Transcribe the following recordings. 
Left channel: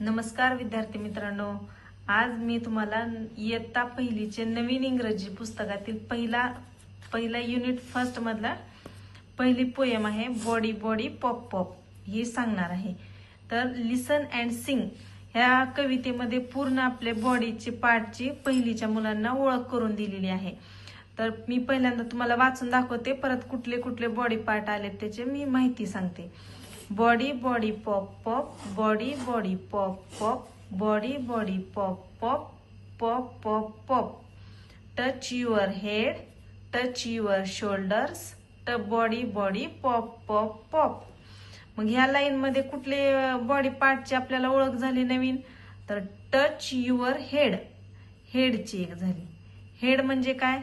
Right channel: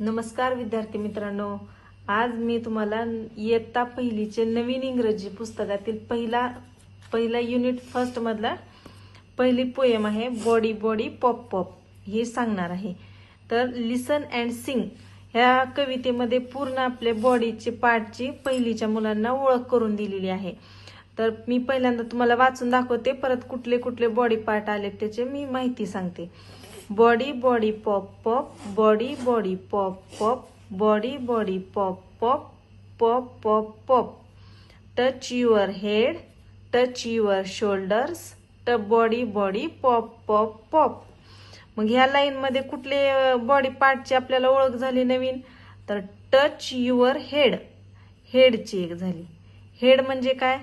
नमस्कार विद्यार्थी मित्रांनो, आज मी तुम्हाला इयत्ता पहिलीचे नवीन इंग्रजी पुस्तकातील पहिला युनिट फर्स्ट मधला पहिली पोएम आहे बॉडी बॉडी पॉप पॉप हे सांगणार आहे। तर लिसन अँड सिंग ह्या कवितेमध्ये पूर्ण आपल्या बॉडीचे पार्टची पहिलीच्या मुलांना ओळख करून दिलेली आहे। तर मी पहिल्यांदा तुम्हाला वाचून दाखवते, परत कुठले कुठले बॉडी पार्ट आले त्याची मी माहिती सांगते। Body body pop pop, body body pop pop, body body pop pop, pop pop pop. Touch your head, touch your shoulders, body body pop pop pop. मग ह्या लाईन मध्ये कुठले बॉडी पार्टची आपल्याला ओळख झाली नवीन, तर टच युअर हेड, हेडची एक झाली। हेड म्हणजे काय?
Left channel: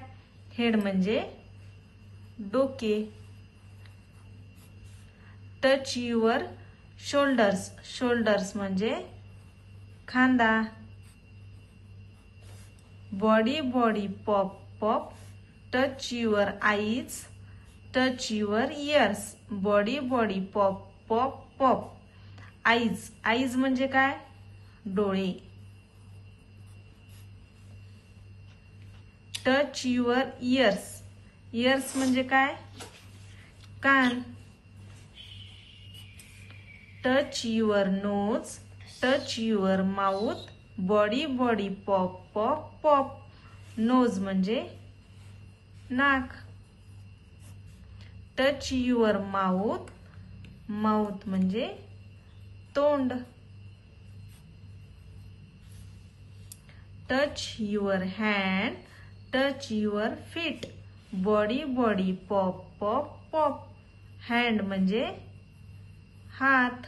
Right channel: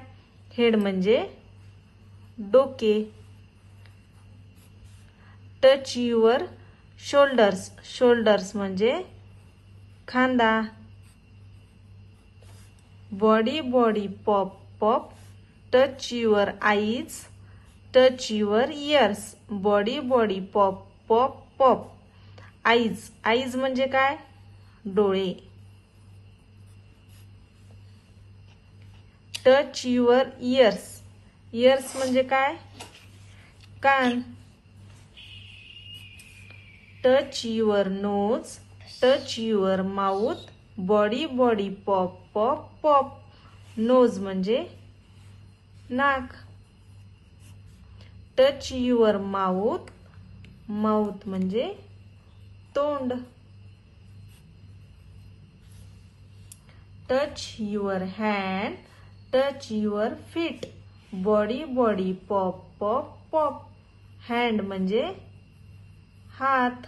हेड म्हणजे डोके। टच युअर शोल्डर्स, शोल्डर्स म्हणजे खांदा। Body body pop pop, touch your eyes, touch your ears, body body pop pop pop. Eyes, eyes म्हणजे काय? डोळे। टच युअर इयर्स, इयर्स म्हणजे काय? कान। Touch your nose, touch your mouth, body body pop pop pop. Nose म्हणजे नाक। Touch your mouth, mouth म्हणजे तोंड। Touch your hand, touch your feet, body body pop pop pop. Hand म्हणजे हात।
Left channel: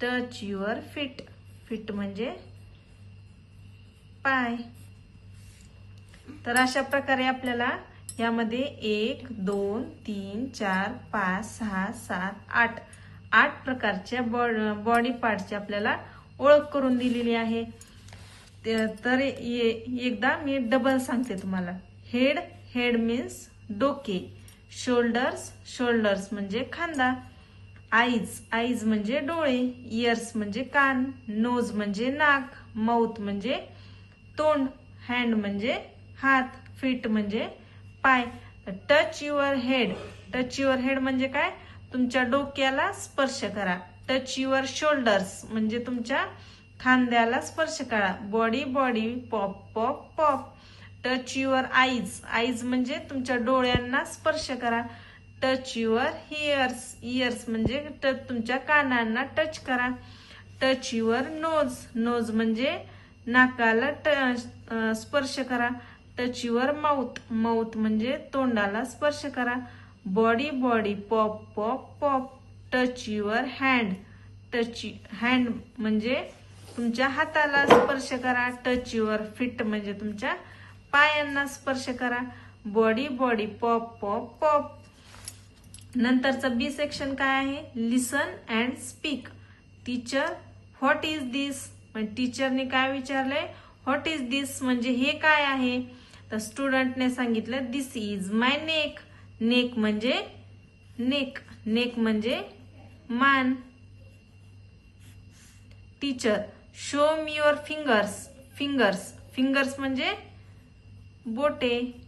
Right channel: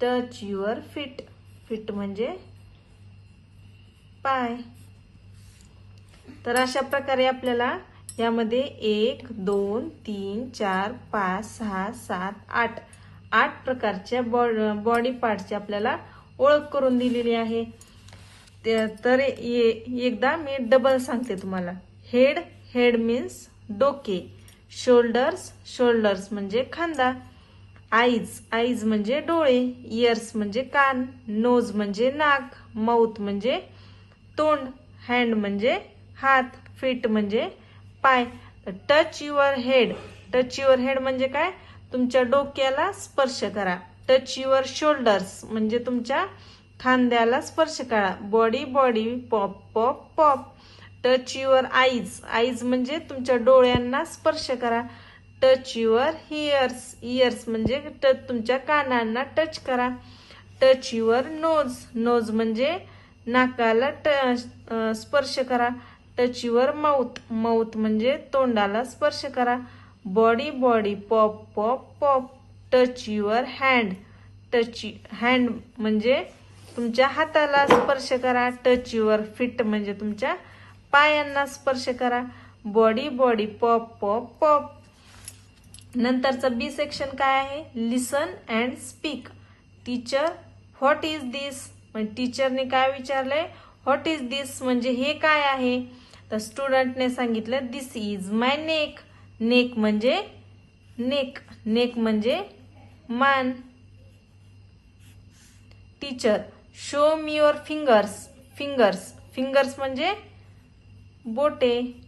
Touch your feet, feet म्हणजे पाय। तर अशा प्रकारे आपल्याला यामध्ये 1 2 3 4 5 6 7 8 प्रकारच्या बॉडी पार्टची आपल्याला ओळख करून दिलेली आहे। तर एकदा मी डबल सांगते तुम्हाला। हेड, हेड मीन्स डोके। शोल्डर्स, शोल्डर्स म्हणजे खांदा। आईज, आईज म्हणजे डोळे। इयर्स म्हणजे कान। नोज म्हणजे नाक। माउथ म्हणजे तोंड। हँड म्हणजे हात। फीट म्हणजे पाय। Touch your head, touch your head म्हणजे काय? तुमच्या डोक्याला स्पर्श करा। टच युअर शोल्डर्स म्हणजे तुमच्या खांद्याला स्पर्श करा। Body body pop pop pop. Touch your eyes, eyes म्हणजे तुमच्या डोळ्यांना स्पर्श करा। टच युअर इयर्स, इयर्स म्हणजे तुमच्या कानांना टच करा। टच युअर नोज, नोज म्हणजे नाकाला स्पर्श करा। टच युअर माउथ, माउथ म्हणजे तोंडाला स्पर्श करा। Body body pop pop pop. Touch your hand, touch hand म्हणजे तुमच्या हाताला स्पर्श करा। टच युअर फीट म्हणजे तुमच्या पायांना स्पर्श करा। Body body pop pop pop. नंतरचं बी सेक्शन काय आहे? Listen and speak. Teacher what is this, म्हणजे टीचरने काय विचारलंय? व्हॉट इज दिस म्हणजे हे काय आहे? तर स्टुडंटने सांगितलं this is my neck. Neck म्हणजे नेक, नेक म्हणजे मान। Teacher show me your fingers, fingers, fingers म्हणजे बोटे।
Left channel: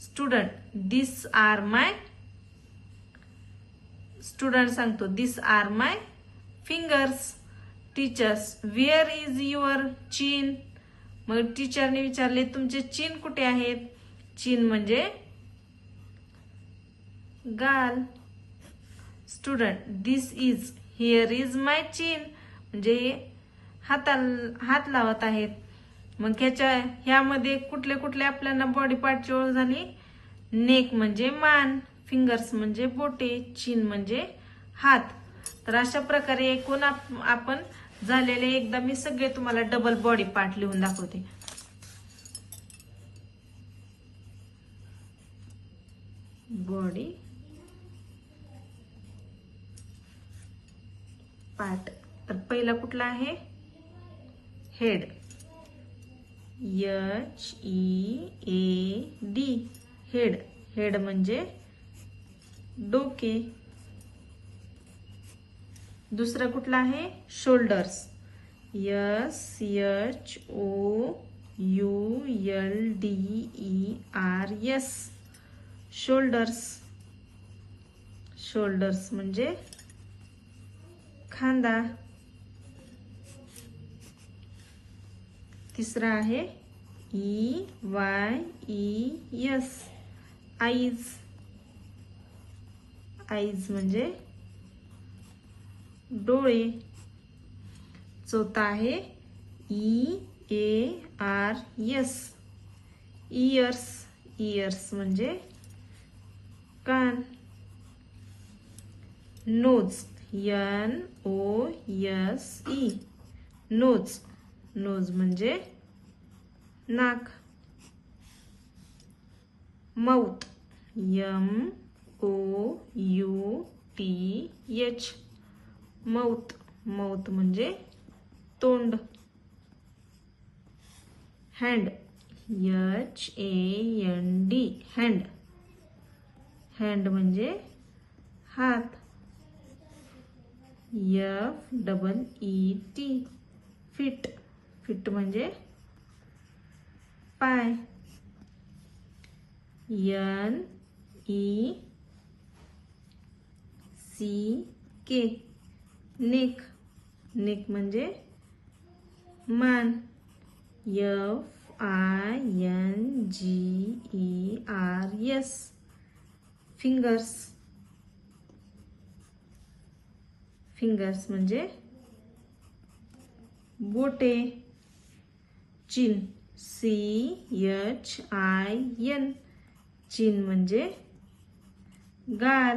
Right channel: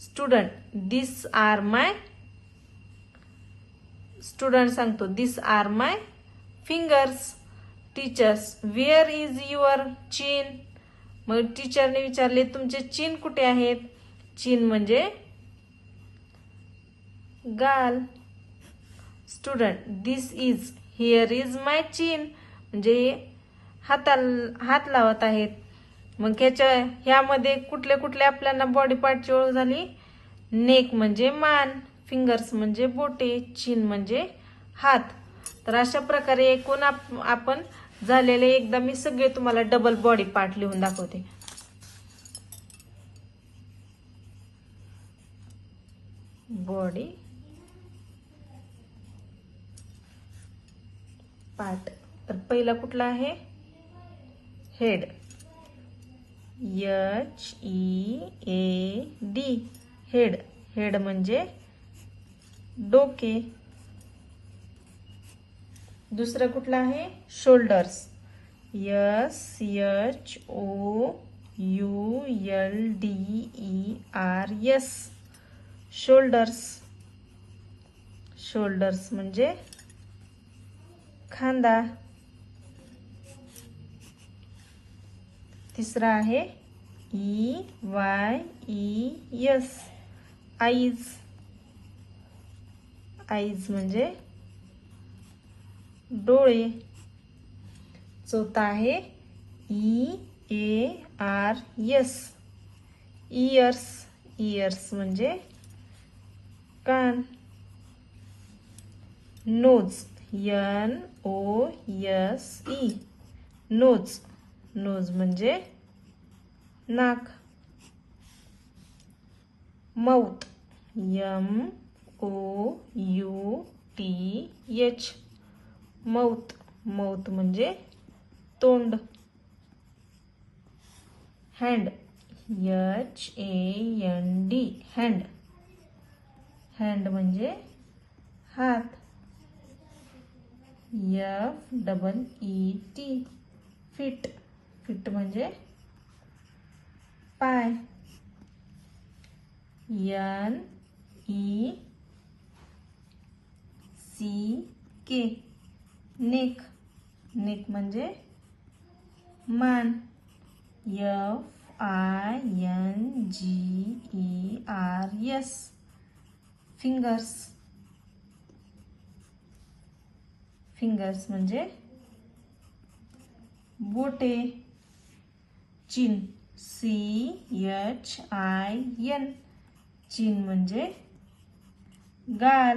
Student this are my, student सांगतो this are my fingers. Teachers where is your chin, मग टीचरने विचारले तुमचे चिन कुठे आहेत? चिन म्हणजे गाल। Student this is, here is my chin म्हणजे हात लावत आहेत। मग ह्यामध्ये कुठले कुठले आपल्याला बॉडी पार्टची ओळख झाली? नेक म्हणजे मान, फिंगर्स म्हणजे बोटे, चिन म्हणजे हात। तर अशा प्रकारे एकूण आपण झालेले एकदा मी सगळे तुम्हाला डबल बॉडी पार्ट लिहून दाखवते। बॉडी पार्ट, तर पहिला कुठला आहे? हेड, HEAD, हेड, हेड म्हणजे डोके। दुसरं कुठलं आहे शोल्डर्स. SHOULDERS shoulders. शोल्डर्स म्हणजे खांदा. तिसरा आहे EYES आईज. आईज म्हणजे डोळे. चौथा आहे EARS इयर्स. इयर्स म्हणजे कान. Knows NOSE knows. नोज म्हणजे नाक. Mouth MOUTH mouth. माउथ म्हणजे तोंड. Hand HAND hand. हँड म्हणजे हात. FEET fit. फिट म्हणजे पाय. NECK neck. नेक म्हणजे मान. FINGERS fingers. फिंगर्स म्हणजे बोटे. चिन CHIN चिन म्हणजे गाल.